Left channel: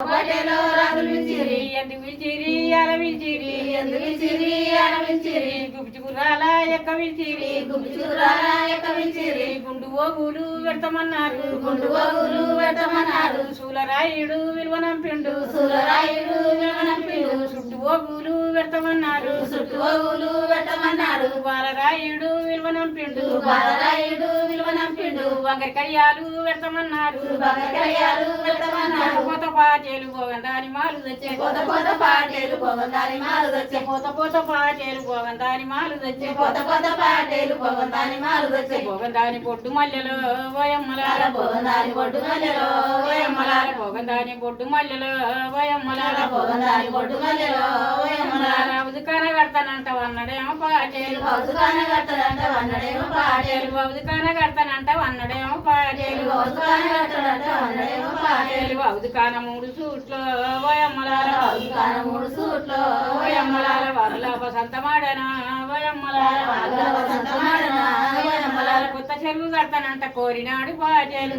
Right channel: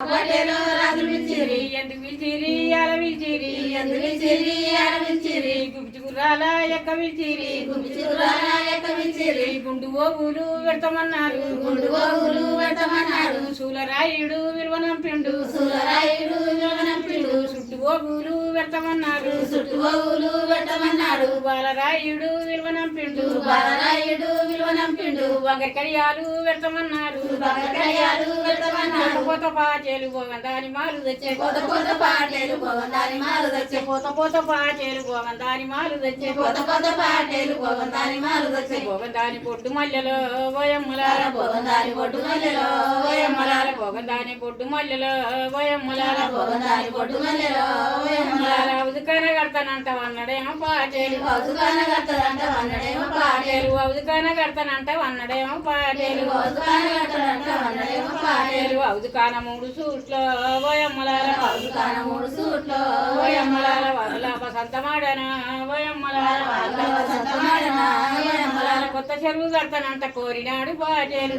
పటేలో రాజులు పిలిచిరి ఎందుకు పిలిచిరి అల పిలిచిరి ఎందుకు పిలిచిరి ఆడ పిలిచిరి గుప్చి గుర్రాల ఎక్క పిలిచిరి గుబ్బి చూరాల ఎక్క పిలిచిరి గుండు ఓగులు పెడతామన్నారు గుండు గోగులు పెట్టమన్నారు సూలరాయుడు విలువనంపిండు సూలరాయుడు విలువనంపిండు చుట్టు ఓగులు పెడతామన్నారు చుట్టు గోగులు పెట్టమన్నారు బాలరాయుడు విలువనంపిండు బాలరాయుడు విలువనంపిండు వంగరి కడియాలు పెడతామన్నారు బగకయ్యాలు పెట్టమన్నారు పోత పాచేలు పోగందాని మాలు తెచ్చే పోత పోత పాటేలు పోగందాని మాలు తెచ్చే పోత పోత పాచేలు పోగందాని మాలు తెచ్చే పోత పోత పాటేలు పోగందాని మాలు తెచ్చే పోగందాని పొట్టు మల్లెలో ఓయమ్మలాల పోగందాని పొట్టు మల్లెలో ఓయమ్మలాల పోగందాని పొట్టు మల్లెలో ఓయమ్మలాల పోగందాని పొట్టు మల్లెలో ఓయమ్మలాల ఉదుకాన కడతానంట అన్నడేమో పాచేలు కౌతుకాన కడతారంట వన్నడేమో పాటేలు ఉదుకాన కడతానంట అన్నడేమో పాచేలు కౌతుకాన కడతారంట వన్నడేమో పాటేలు ఉదుకాన మూడు సూట్లో ఓయమ్మలాల కౌతుకాన మూడు సూట్లో ఓయమ్మలాల వరల బసంతమాడనా ఓయమ్మలాల సంతమాడన ఓయమ్మలాల కొత్త చెరువు కడతానంట కోరినాడు పాచేలు